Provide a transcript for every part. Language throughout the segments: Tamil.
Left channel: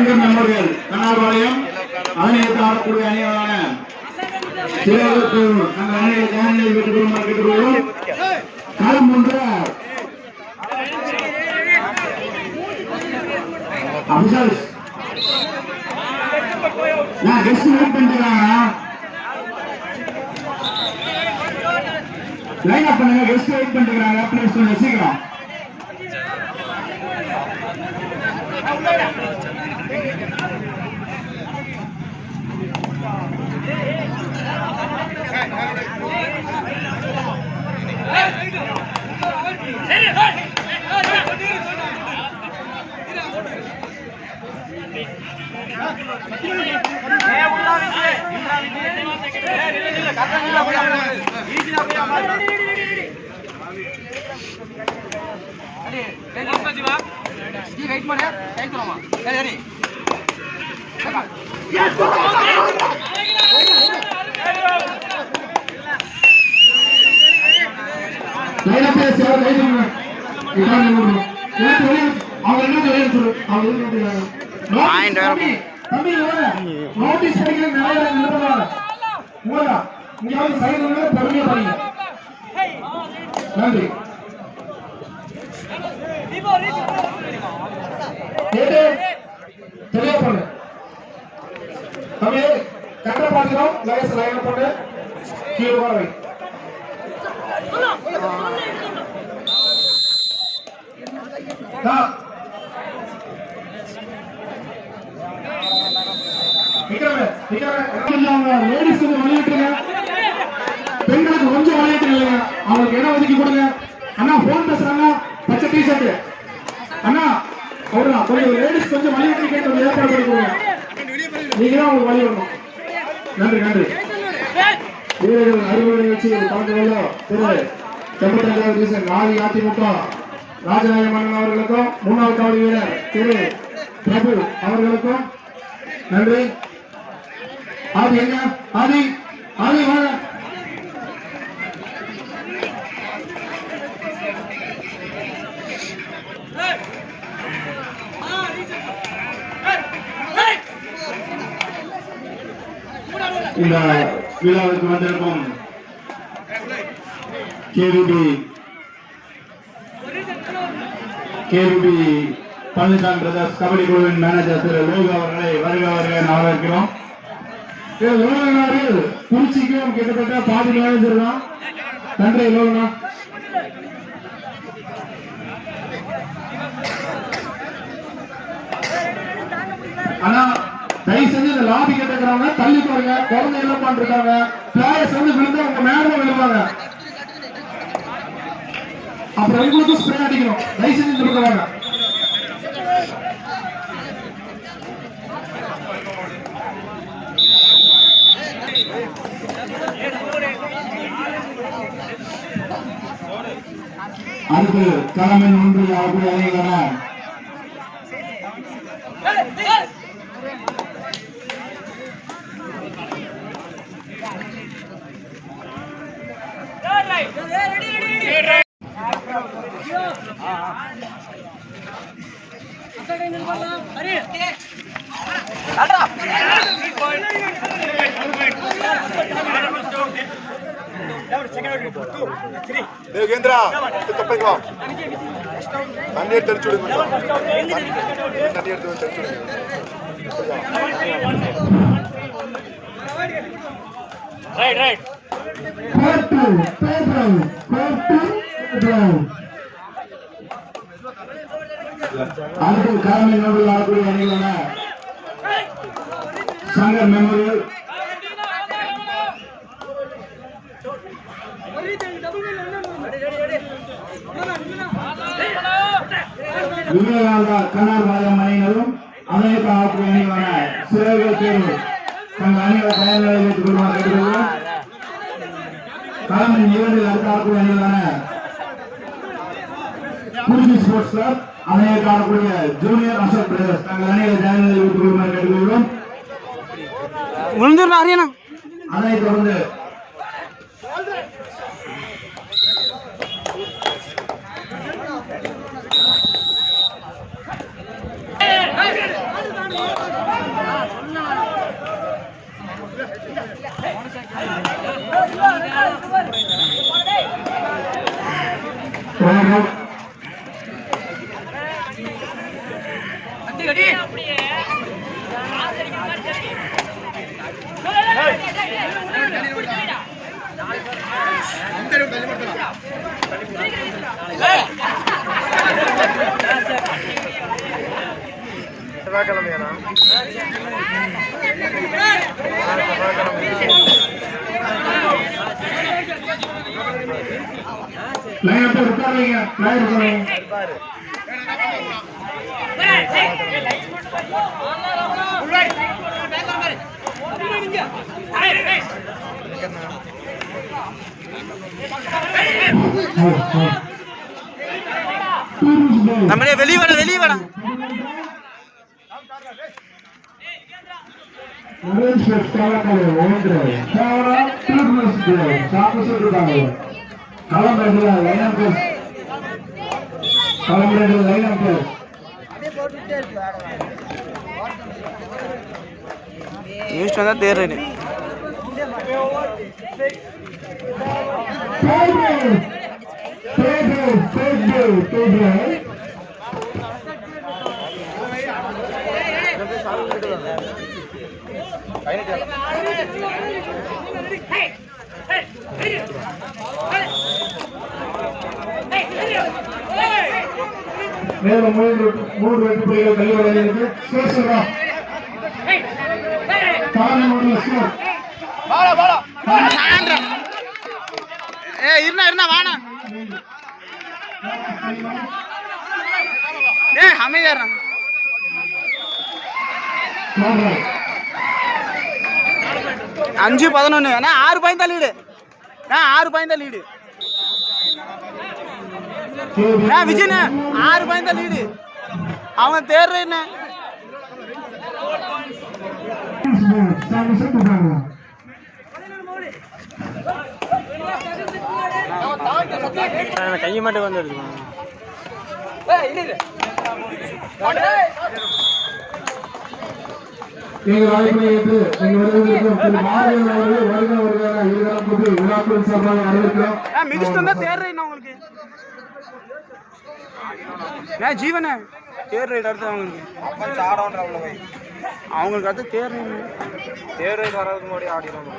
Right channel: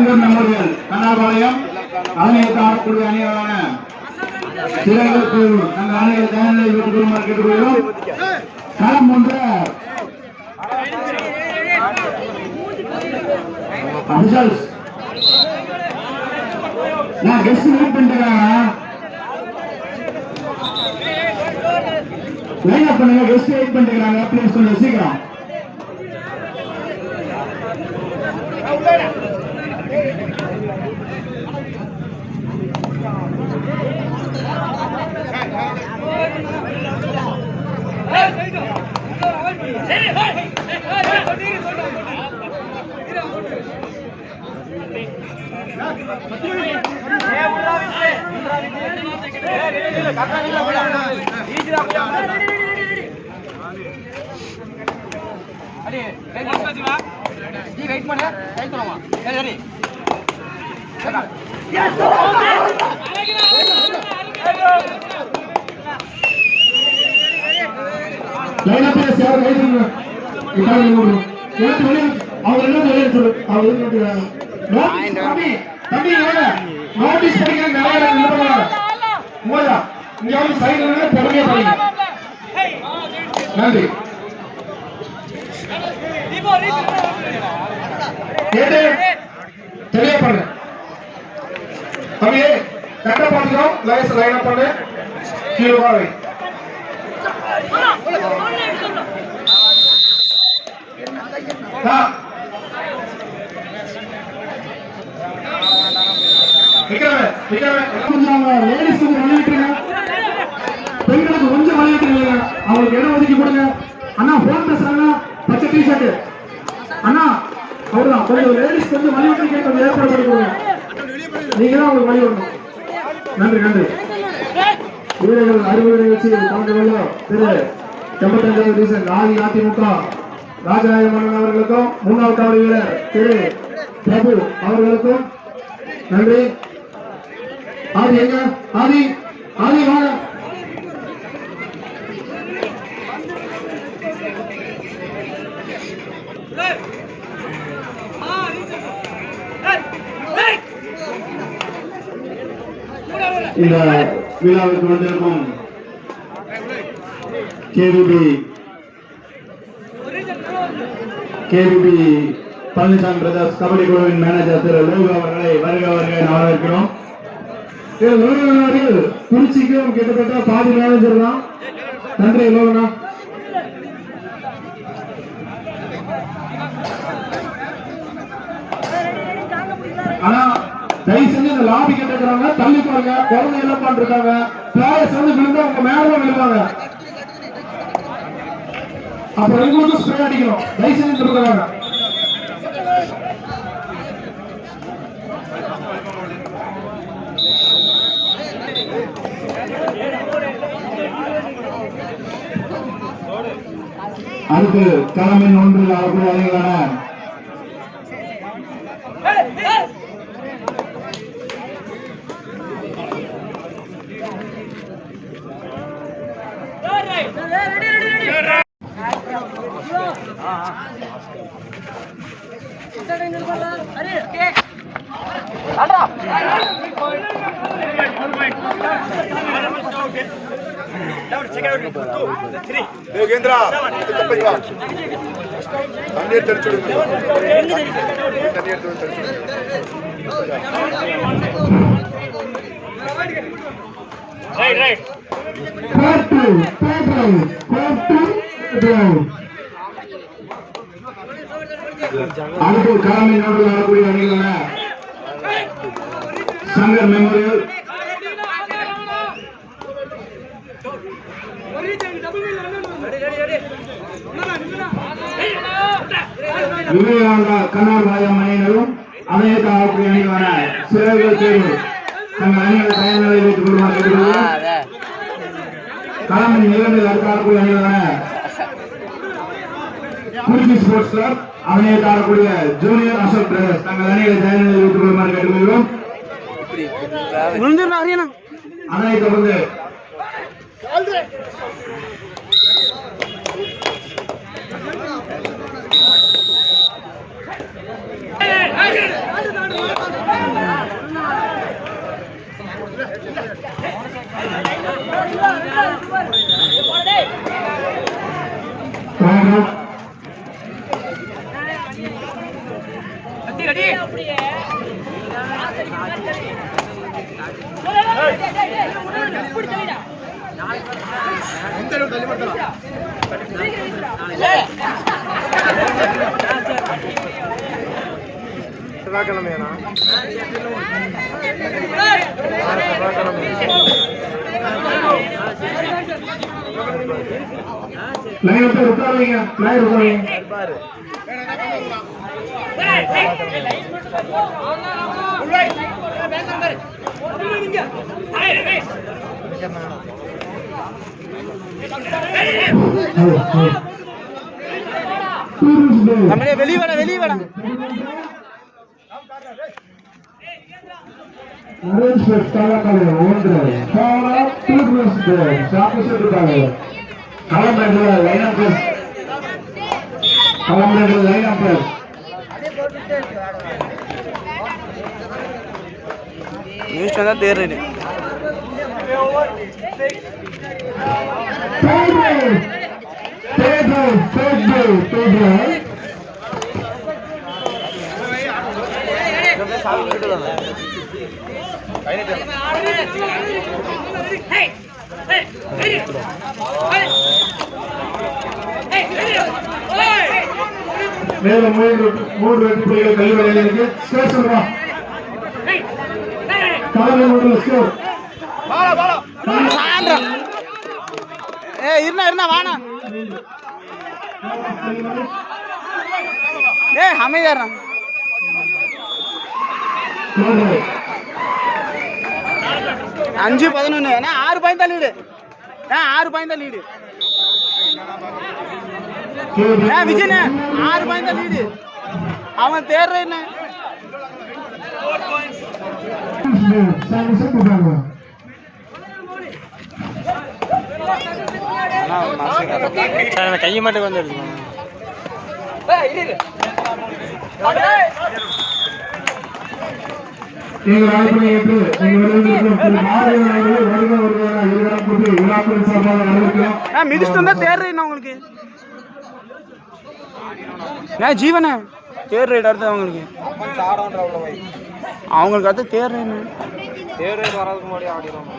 சங்கம் மெமோரியல் கண்ணாபாளையம் ஆணையத்தை ஆடக்கூடிய அணிகளான சிறகத்தூர் நம்ம அணிகள் ஜனநிலை வீட்டுக்குள் கேட்டுக்கொள்கிறோம். களம் ஒன்று அபிஷல்ஸ் நான் கெஸ்ட் வெயிட் பண்ணிருக்காங்க. லைன் அப் பண்ணுங்க. கெஸ்ட் வெயிட் பண்ணிருக்காங்க. ப்ளீஸ் கொஞ்சம் சீக்கிரம். நன்றி. தெரியப்படுங்க தம்பி. கட்ட பாத்துக்கிறோம். லைஸ் லைன் அப் பண்ணு. கீழே பாவை. பெண்களுக்கு கொஞ்சம் விளையாட்டு அவங்களுக்கு இடம் ஒதுக்கி கொடுங்க. அண்ணா போன் பேசுறாங்க. பச்சை டி ஷர்ட் அண்ணா அவருதான். கொஞ்சம் லேடிஸ் கொஞ்சம் விளையாட்டு கொஞ்சம் ஏற்பாடு பண்ணி கொடுங்க. நீங்க தான் அவங்களுக்கு வழி வரணும். நன்றி நன்றி. வீரர்கள் அறிவுரை நிகழ்ச்சி கலந்து கொள்ள திரு 85வது டிவிஷன் அதிமுக ராஜநாயக மன்னன் அவர்களுக்கும் முன்னாள் காவடி வீரர் திரு பிரபு அவர்களுக்கும் நன்றி. ஆதி எங்க ஆதி ஆதி வாங்க. இந்த விழாவுக்கு வந்திருக்கும் கேவிபி பழனிசாமி பிரதர்ஸ் கபடி குழுவின் மேனேஜர் திரு லோகு அவர்களை வருக வருக வரவேற்கிறோம். குறிச்சிக்கும் கிட்டத்தட்ட பாதி மேனேஜர் தான். நன்றி லோகனா. ஆனா தயவு செஞ்சு இந்த லாபி கேட்டுக்கிறாங்க. தள்ளி பாருங்க. குழந்தை எல்லாம் பண்ணிருக்காங்க. பிளேயர்ஸ் வந்து விழுந்தா உங்க மேலும் விழுவாங்க. அப்புறம் எங்களுக்கும் ஸ்ப்ரே அடிக்கணும். தயவு செஞ்சு இருக்கிறாங்க. அடுத்து களமின் ஒன்றில் அவர்களுடைய அணிகளான அடுத்து களமில் ஆடக்கூடிய அணிகளான சங்கர் மெமோரியல் விவேகானந்தா கண்ணாபாளையம் அணியினரும் அனைத்து ஆடக்கூடிய அணிகளான சிறகு தேர்வு தங்கள் அணிகளை தயார் நிலையில் வைத்துக் கொள்ளுமாறு கேட்டுக்கொள்கிறோம். களமின் இரண்டில் அடுத்து ஆடக்கூடிய அணிகளான குறிச்சி ஸ்போர்ட்ஸ் கிளப் அனைத்து ஆடக்கூடிய ஜூனியர் அசோக் பிரதர்ஸ் தங்கள் அணிகளை தயார் நிலையில் வைத்துக் கொள்ளுமாறு கேட்டுக்கொள்கிறோம். அதை தொடர்ந்து லைன் அப்ப உட்காருங்க, லைன் உட்காருங்க. நம்மளே வெளியே வாடா நியூஸ் தான் தேர்றேன் மேலும் 3 வெற்றி புள்ளிகள் கல்விவரையிலிருக்கு. ஸ்கோர் சொல்றா. காலை மூணு ஸ்கோர். இருனா வாணா அமைதியா 5-11 6 பாயிண்ட் தான் லீடு 6 பாயிண்ட் தான் லீடு விஜயண்ண 6 பாயிண்ட் தான் லீடு அவன் தேர்றேன் கையை மட்டும் வந்து எடுத்துக்கணும் மிதிச்சுட்டு தேர்றேன் உங்களுக்கு ஜீவன தேர் ரைட் அடுத்து அவங்களுக்கு அடுத்து தேர் ரைட் வர்றதுக்கு முன்னாடி ஆடிடுவாங்க.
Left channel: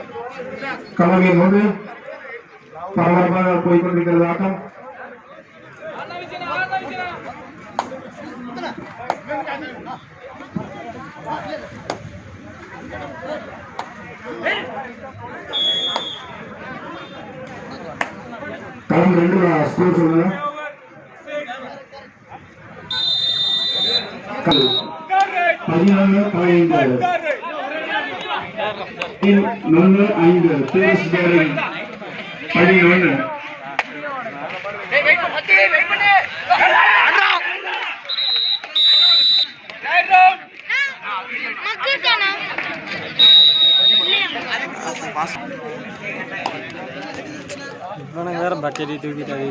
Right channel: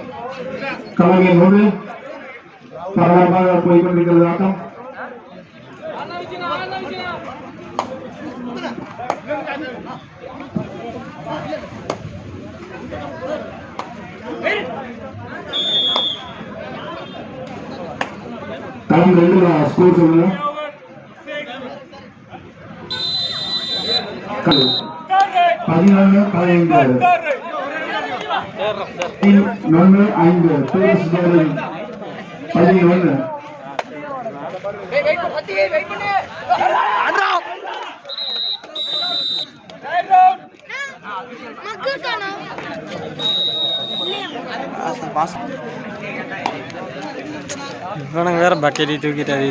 கலைஞர் பரபரப்பாக போய்கொண்டிருக்கிறது ஆட்டம். களம் 2 ஸ்கோர் சொல்லுங்க. 11-5 டூரிஸ்ட் கேரிங் 11. வேற பக்கெட்டி தூக்கிட்டாரு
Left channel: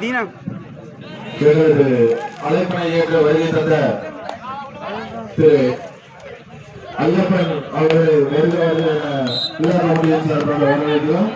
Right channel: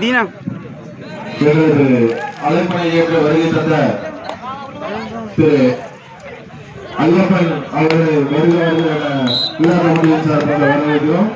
தீனா அழைப்பனை ஏற்று வருகை தந்த திரு ஐயப்பன் அவர்களை வருகிறார்கள் என விழா கமிட்டியின் சார்பாக வரவேற்கிறோம்.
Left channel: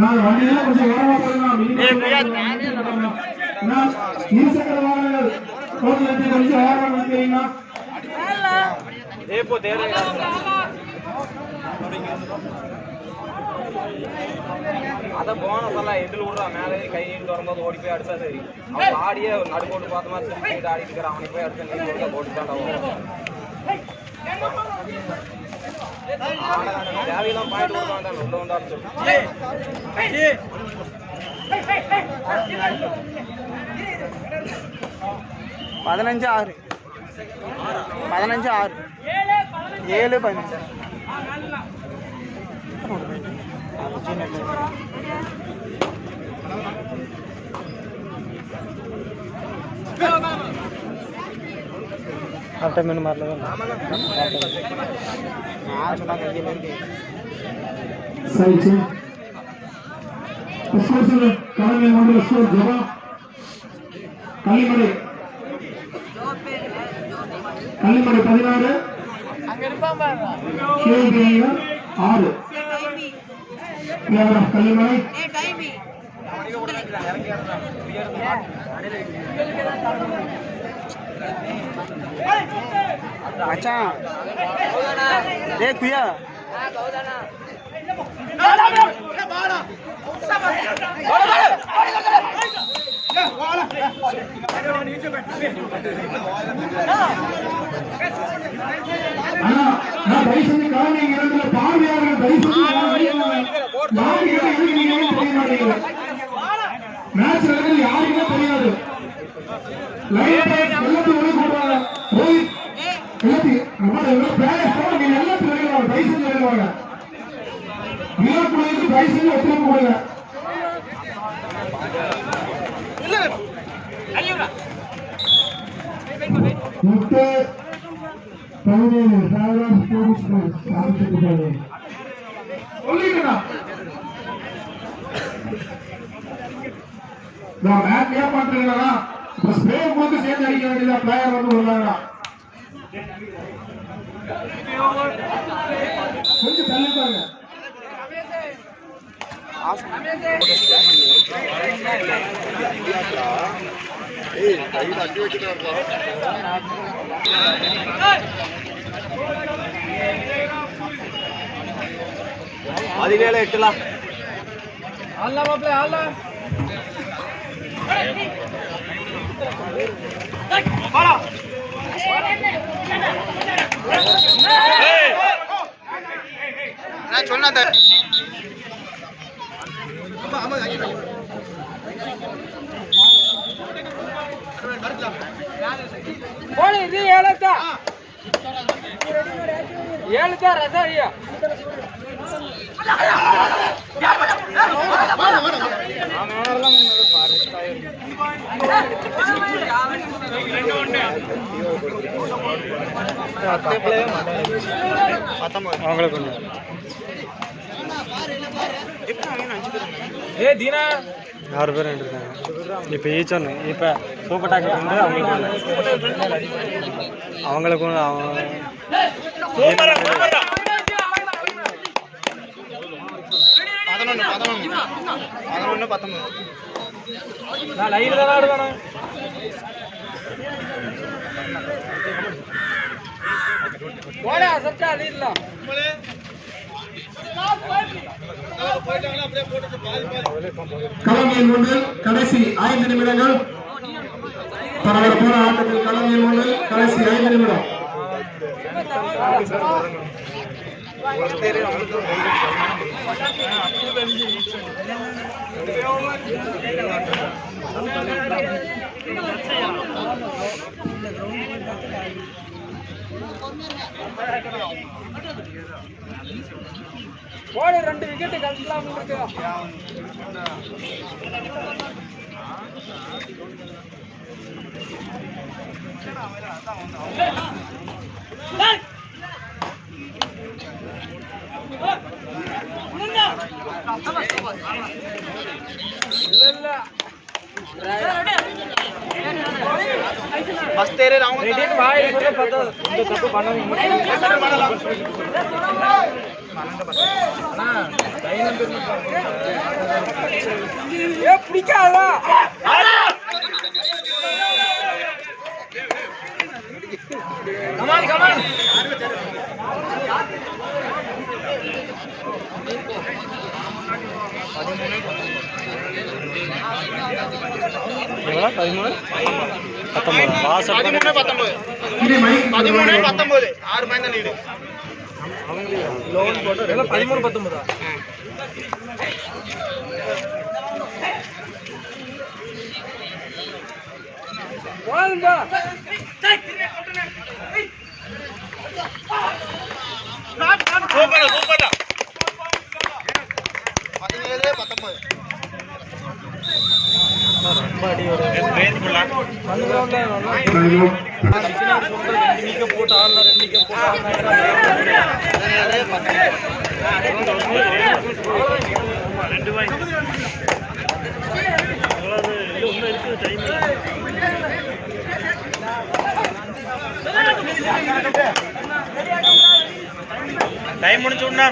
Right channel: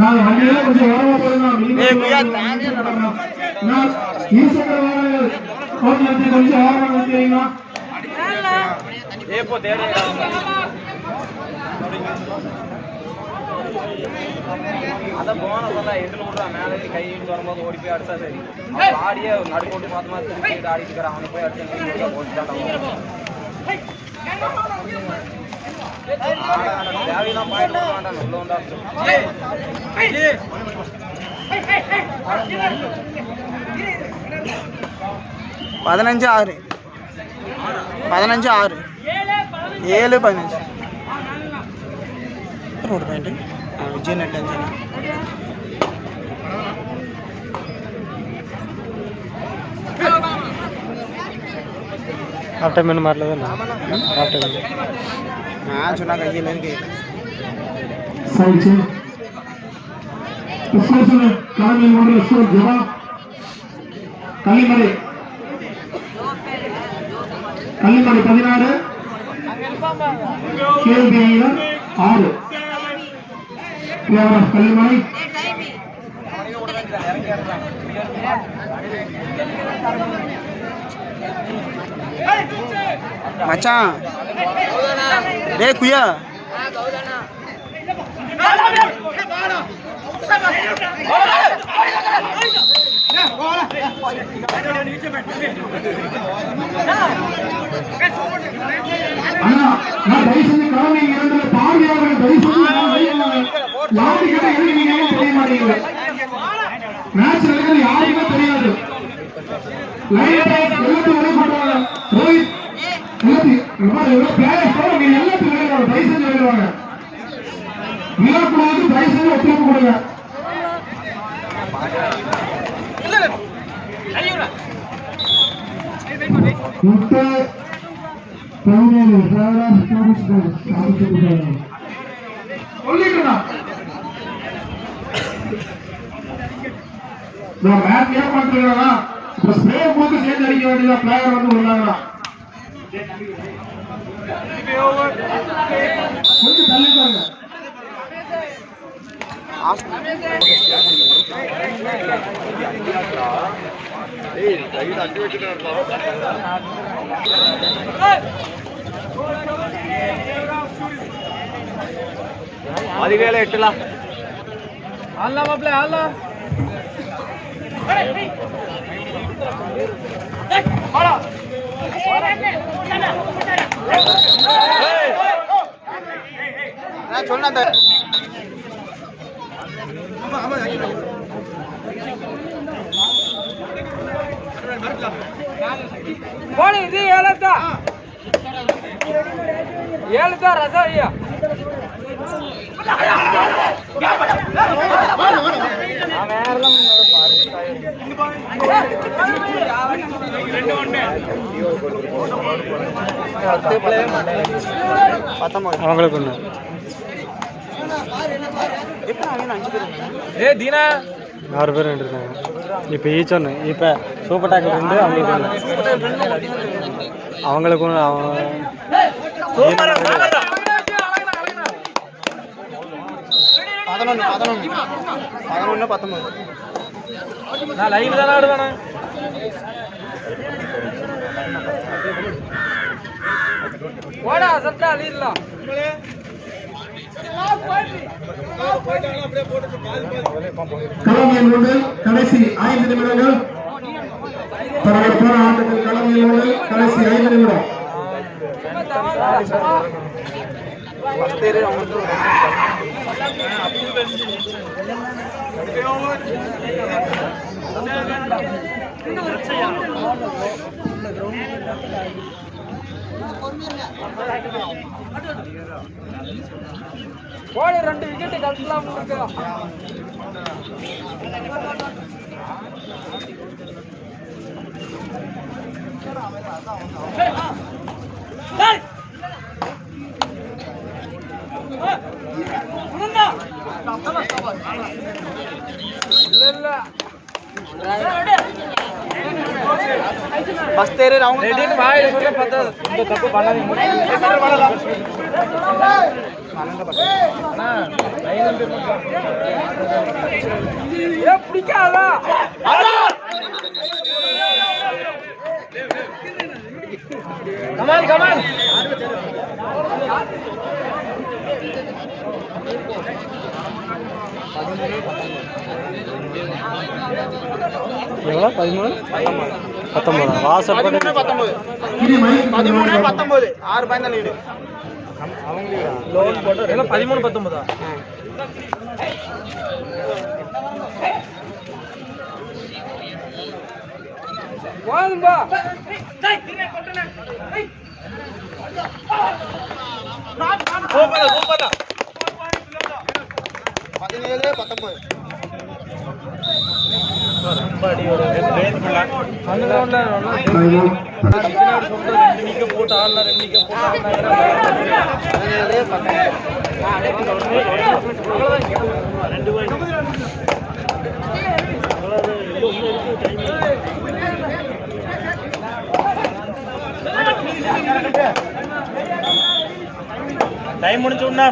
நான் வண்டியெல்லாம் கொஞ்சம் ஓரமா போடலாம். இருசக்கர வாகனங்கள் கொஞ்சம் ஓரமா நிறுத்துவீங்களா? அதான் போனதெல்லாம் எதில் விட்டு மேலே கை வரும்போது ஓடி போய் அடிச்சா சரி ஆடியே நடு போட்டு பார்த்தோம்னா திருப்பி ஆடிட்டு இருக்கிற அவனை போய் அடிச்சு போட்டுதான் தேவையெல்லாம் போயிட்டு உள்ள வந்தா 15-6 15-6 7-15 ஒரு point Vijay net half time में मार लेगा ना हाफ टाइम हां चुना कहिए लेके सही छे स्कोर से कमल में मोड़ स्कोर जवाब कल्लिमडை 16 கேள்வியில் 6 கேவலம் கல்லிமடை मचान रे कुया அண்ணா நான் தயவுசெய்து காரணம் இரண்டுல பார்வையாளர்கள் தயவுசெய்து யாரு கிட்ட இருக்கீங்கன்னு தெரிய மாட்டேங்குது மேட்ச் நடக்கிறது யாருக்குமே தெரியாது லைன் எல்லாத்தையும் வெளியே போடுவாங்க ரோஹித் எல்லாத்தையும் பிளேயர்ஸ் நீங்க எல்லாத்தையும் வெளியே வாங்க தயவுசெய்து வெளியே வாங்க விழாக்குழுவுக்கு தயவுசெய்து ஒத்துழைப்பு கொடுங்க முட்டை 17 சொல்லிட்டுடா நான் மேட்ச் ஏன் பண்றீங்களா இப்ப ஸ்ப்ரே போட்டு சேர்ந்து அடிக்க வேண்டியதா பிளேயர் வந்து வந்தாங்களா கொஞ்சம் தள்ளிட்டாங்க அதிவேளை 8 ஆல்ல மாப்ள ஆல்ல வாடா நான் சொன்னத ஆமா போடு இது ஏலத்தா ரசா ஐயா அவங்களுக்கு ஏ தீனா 6 பேர் இருக்காங்க இப்போ ஈச் ஒன்று இப்போ சூப்பர் டாக்கெட் வந்து அவங்களுக்கு நான் லைன் தான் ஆடுவேன் போடா சத்தா லீடலாம் களமியல் ஒன்று கடைசி 5 நிமிடங்கள் பரபரப்பான ஆட்டத்தில் களமியல் ஒன்று கடைசி 5 நிமிடம் போடு 2 விக்கெட் கலக்கலாம் உங்களுக்கு बस तेरे राउंड रेडी भाई पूरा पता तो तब बना नहीं ये பிடிக்காதா கமான் எவ்வளோ 13 19 வாசல் 19 6 பாயிண்ட் லீடு 13 19 வாங்க சூப்பர் 17 19 டைம் முடிச்சுடா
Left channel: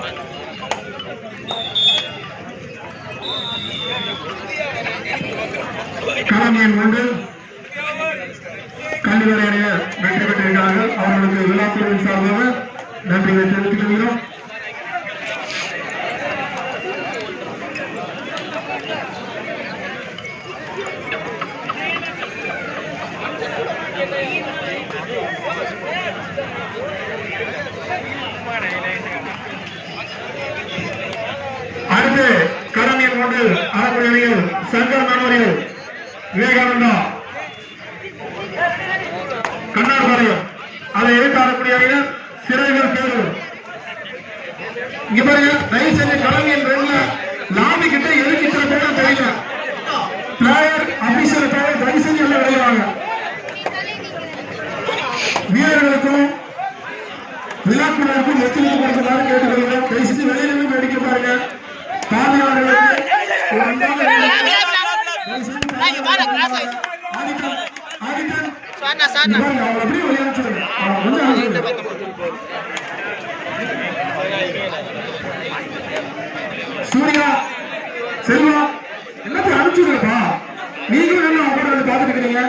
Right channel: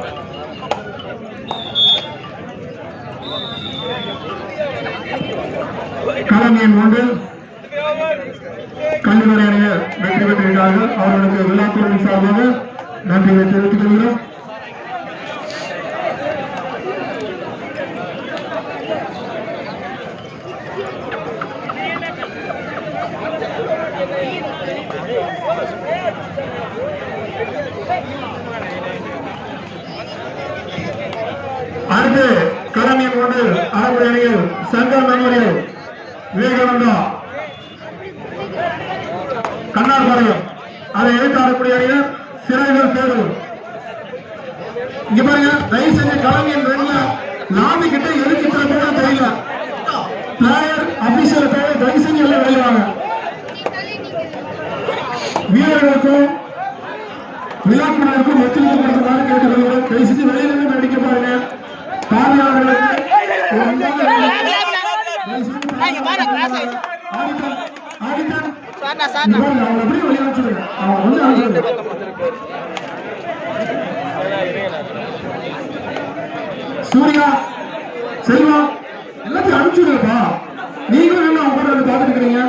காரணியன் 1 கண்டிப்பாக வெற்றி பெற்றிருக்கிறார்கள். அவர்களுக்கு விழாக்குழு சார்பாக நன்றியை தெரிவித்துக் கொள்கிறோம். அடுத்து கரணியன் 1 ஆறுவரையில் சங்கர் மனோரியல் விவேகானந்தா கண்ணாடிபாளையம் அதை எதிர்த்தாடக்கூடிய சிறைகள் தேர்வு. இங்க பாருங்க, தயவு செஞ்சு கரணியன் 2 லாபி கிட்ட எதுக்கு சிறப்பாக தெரியல. பிளேயர் அபிஷேக் தயவு செஞ்சு விளையாடுவாங்க. வீரர்களுக்கும் விளையாட்டுகளுக்கும் ஒத்துழைப்பு கொடுக்குமாறு கேட்டுக்கொள்கிறோம். தயவு செஞ்சு வெளியில அடிக்க பாருங்க. பார்வையாளர்களுக்கு சூர்யா செல்வம் எல்லாத்தையும் அனுப்பிச்சுடுப்பா. நீங்களும் அவங்க பார்த்துக்கிறீங்க.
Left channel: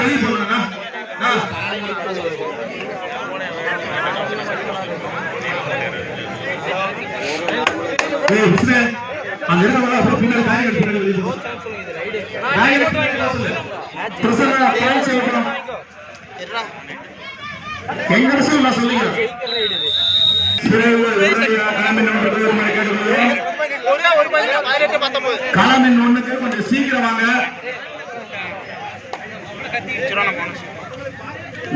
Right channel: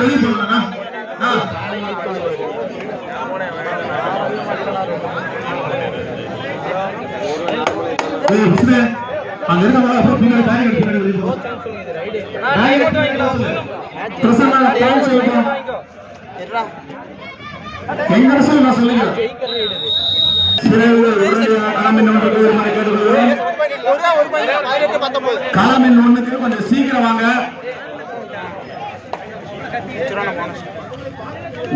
வெளியே போடுங்க. காலமின் 1க்கு கொஞ்சம் சீக்கிரம் வாங்க.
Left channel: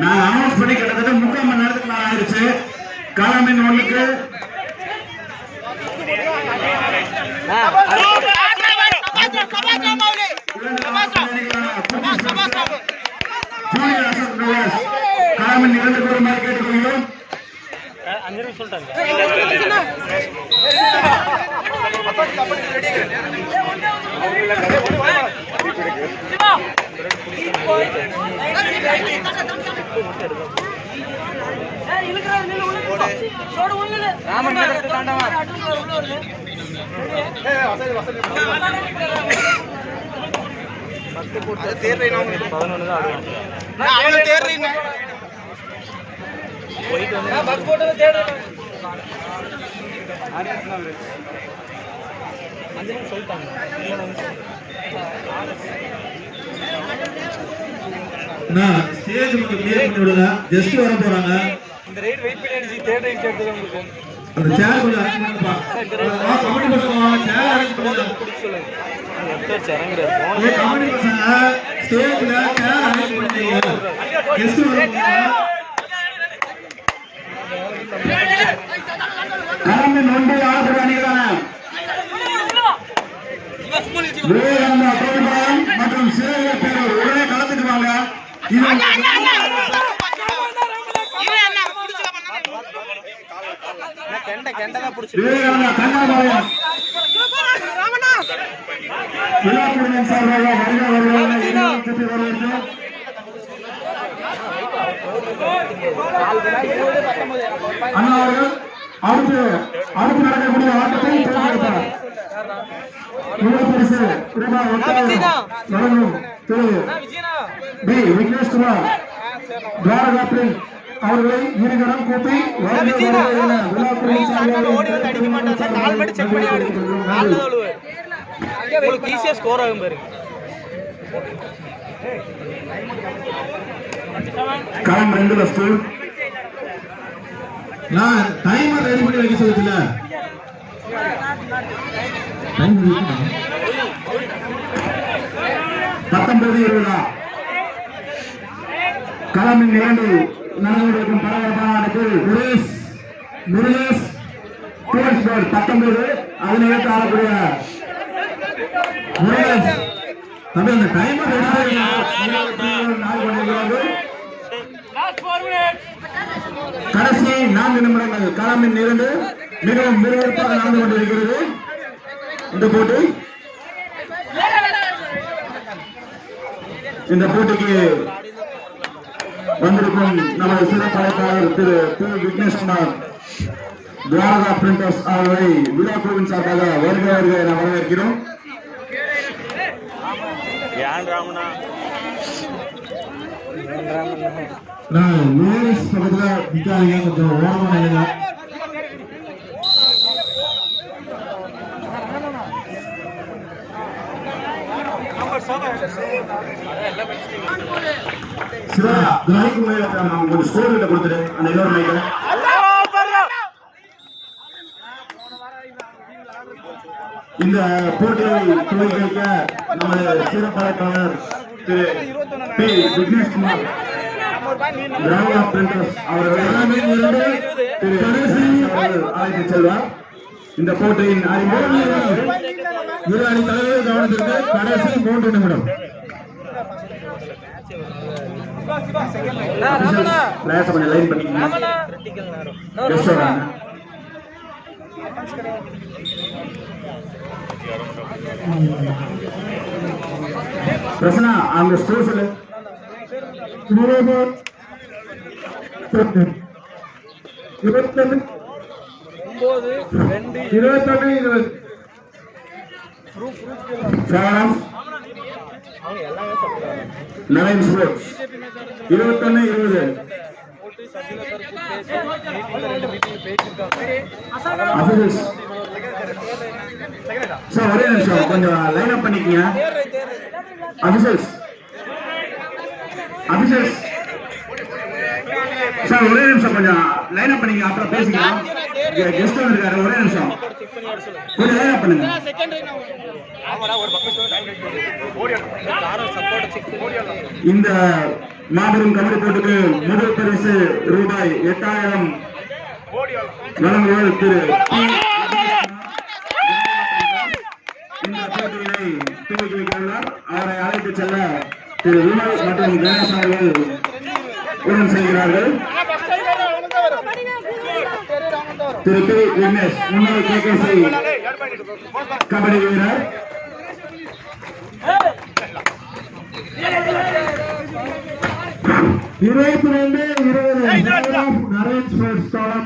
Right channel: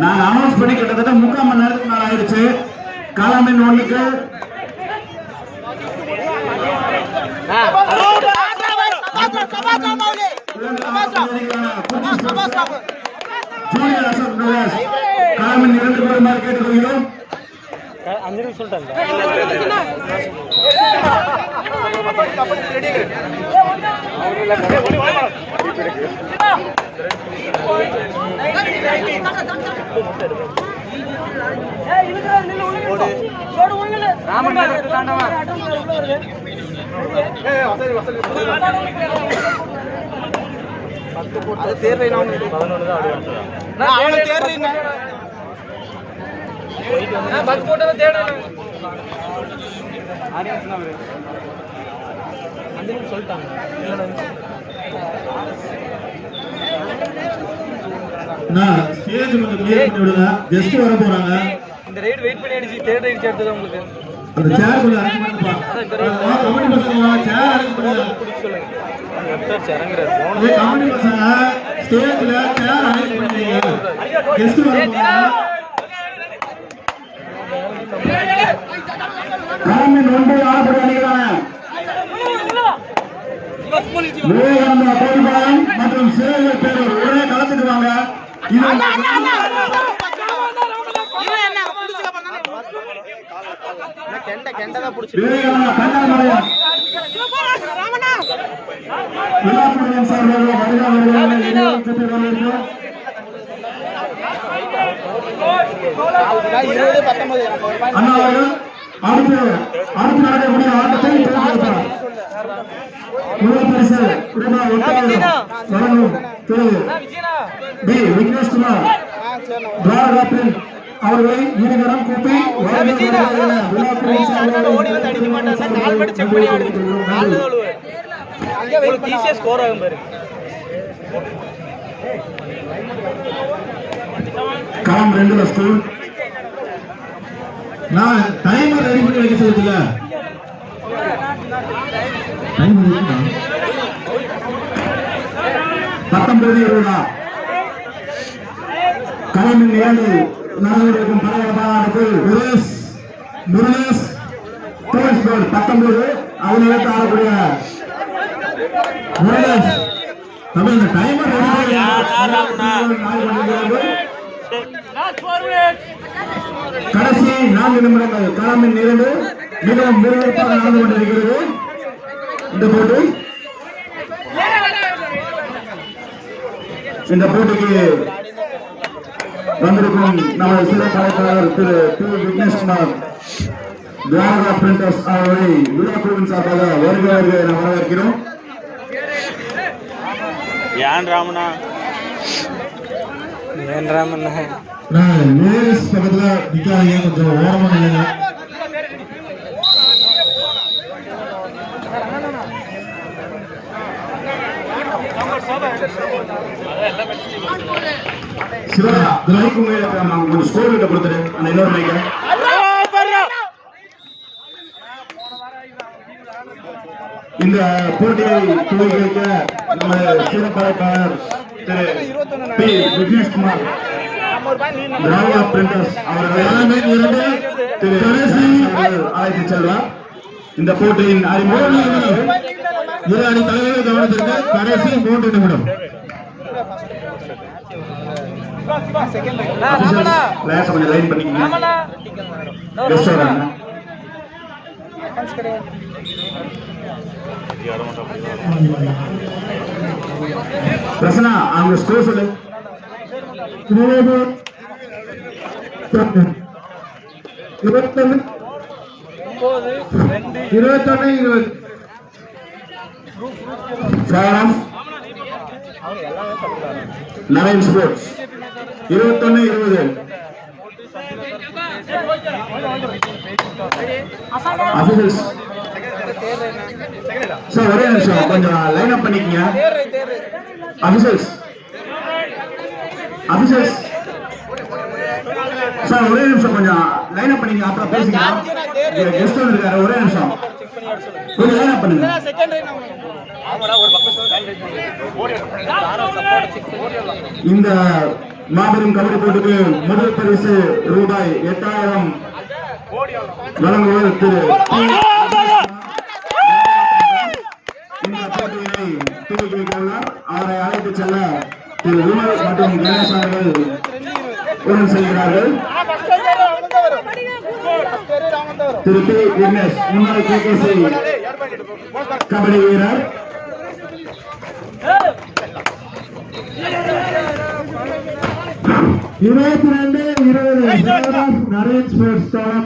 நான் அனௌன்ஸ் பண்ணி கிட்டத்தட்ட 3/4 மணி நேரத்துக்கு மேல ஆயிடுச்சு. காலமின் 1க்கு காலமின் 2 பேருமாறு கேட்டுக்கொள்கிறோம். அஞ்சு சொல்லிட்டாங்க. ஜஸ்ட் வர போறாங்க. இந்த ரைட் வெயிட் பண்ணி அடிச்சு தேர்ட் ரைட் எடுத்தது உங்களுக்கு அந்த சேர் குள்ள அரேஞ்ச் பண்ணுப்பா. கமெண்ட் பண்ணுங்க. சேர் அரேஞ்ச் பண்ணுங்க. சொல்லுங்க. எத்தனை சேருங்க? ஏ கமெண்ட் பண்ணுங்க. ஸ்டேஜ்ல சேர் அரேஞ்ச் பண்ணுங்க. கெஸ்ட் வர போறாங்க. காரணம் ரொம்ப யார் பண்ணிக்கிறாங்க. நம்ம கோடிபாலம் மற்றும் சிறைகள் பேர் உடனே கலந்துக்கு வாங்க. அடுத்து நடக்கக்கூடிய ஆட்டத்தை ரூபாய் 8,000 வழங்கும் திரு டி விக்னேஷ்குமார் துவாரகாப்பில் அவர்களை இருகரம் கூப்பி வழங்குகிறார்கள் என விழாக்குழுவின் சார்பாக களம் 2 லட்சத்து நான் டைமர் ரெடி பண்ணி வைக்க சொல்லல டைம் இருக்குதா 19:20 களம் 2 நாடுகளுக்கும் பரபரப்பானது முரேஷ் போர்ட் 19 அவனை எடுத்து ஆடக்கூடிய முரேஷ் நம்ம இந்த டைமர் கடைசி 4 நிமிடங்கள் களமின் இருந்து மிகவும் விறுவிறுப்பாக நடந்து கொண்டிருக்கிறது இந்த போட்டி. இந்த போட்டிக்கு வந்திருக்கும் நமது சிறப்பு அழைப்பாளர் திரு விக்னேஷ்குமார் துவாரகா பிரிண்டர்ஸ் அவர்களை விழாக்குழுவின் சார்பாக வருக என வரவேற்கிறோம். நேரஸ் பக்கத்துல நிக்காதீங்க, கொஞ்சம் ஓரமா நில்லுங்க. சிவா மைக்கு மேல கொஞ்சம் ஸ்கோர் கிட்ட கொடுத்துட்டு அந்த இன்னொரு மைக்க இந்த போட்டியை துவக்கி வைக்க நமது சிறப்பாளர் திரு பி விக்னேஷ்குமார் துவாரகா பிரிண்டர்ஸ் அவர்கள் அழைத்து செல்வார். இந்த போட்டியின் அறிமுகம் இரு அணி தலைவர்கள் கவனத்திற்கு கடைசி 3 நிமிடம். கொஞ்சம் லைன் பண்ணிக்கங்க. பிரசனா அவங்க ஸ்கோர் சொல்லு. 21 நவீன் ஸ்போர்ட்ஸ் 21-20. சார் ஒரே நிமிஷம் கொஞ்சம் லைன் அப் பண்ணிக்கங்க. அபிஷேக் சார் ஒரே நிமிஷம் கொஞ்சம் லைன் அப் பண்ணிக்க, அப்புறம் பேசிக்கலாம். கெஸ்ட் வந்திருக்காரு, ஒரே நிமிஷம் கொஞ்சம் லைன் அப் பண்ணுங்க. இந்த மாபெரும் கபடி போட்டிக்கு முதல் பரிசு ரூபாய் 8000 வழங்குவது திரு இந்த போட்டியினை துவக்கி வைத்துள்ளார். அவரை அழைத்து செல்ல திரு விமல் மற்றும் கணேஷ் அவர்கள் உடன் செல்கிறார்கள். திரு பி விக்னேஷ் முன்னாள் KKC கபடி வீரர். நரேன் ஸ்போர்ட்ஸ் தோழர்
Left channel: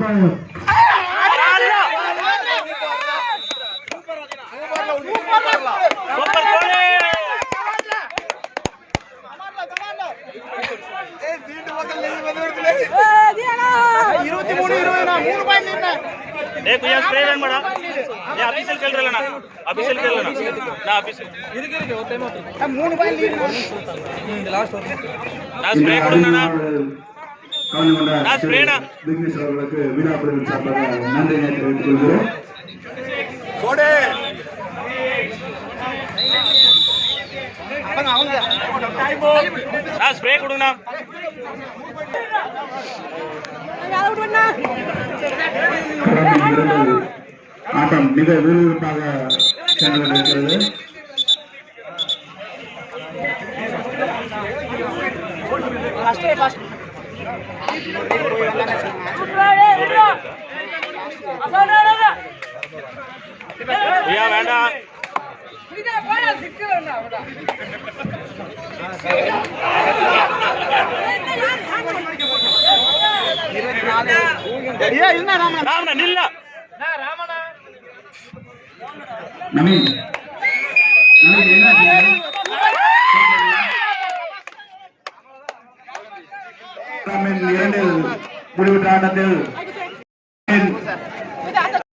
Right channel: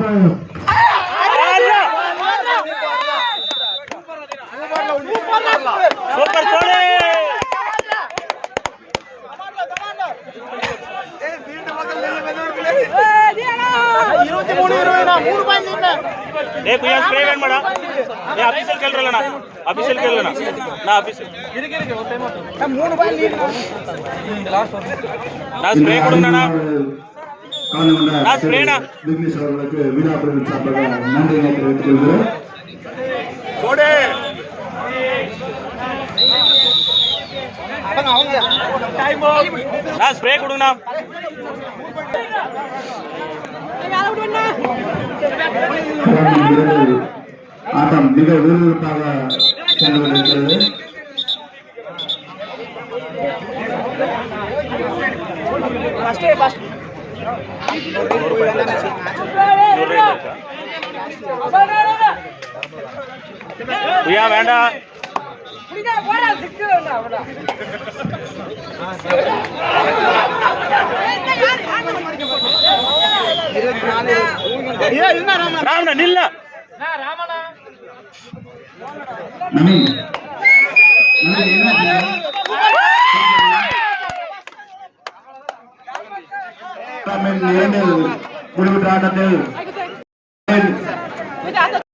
விக்னேஷ் அவர்களுக்கு விழாக்குழுவின் சார்பாக நன்றியை தெரிவித்துக் கொள்கிறோம். ஆட்டம் மிக விறுவிறுப்பாக சென்று கொண்டிருக்கிறது. வேண்டாம் நவீன் என்ன இரண்டில் முடிவுற்ற ஆட்டத்தில்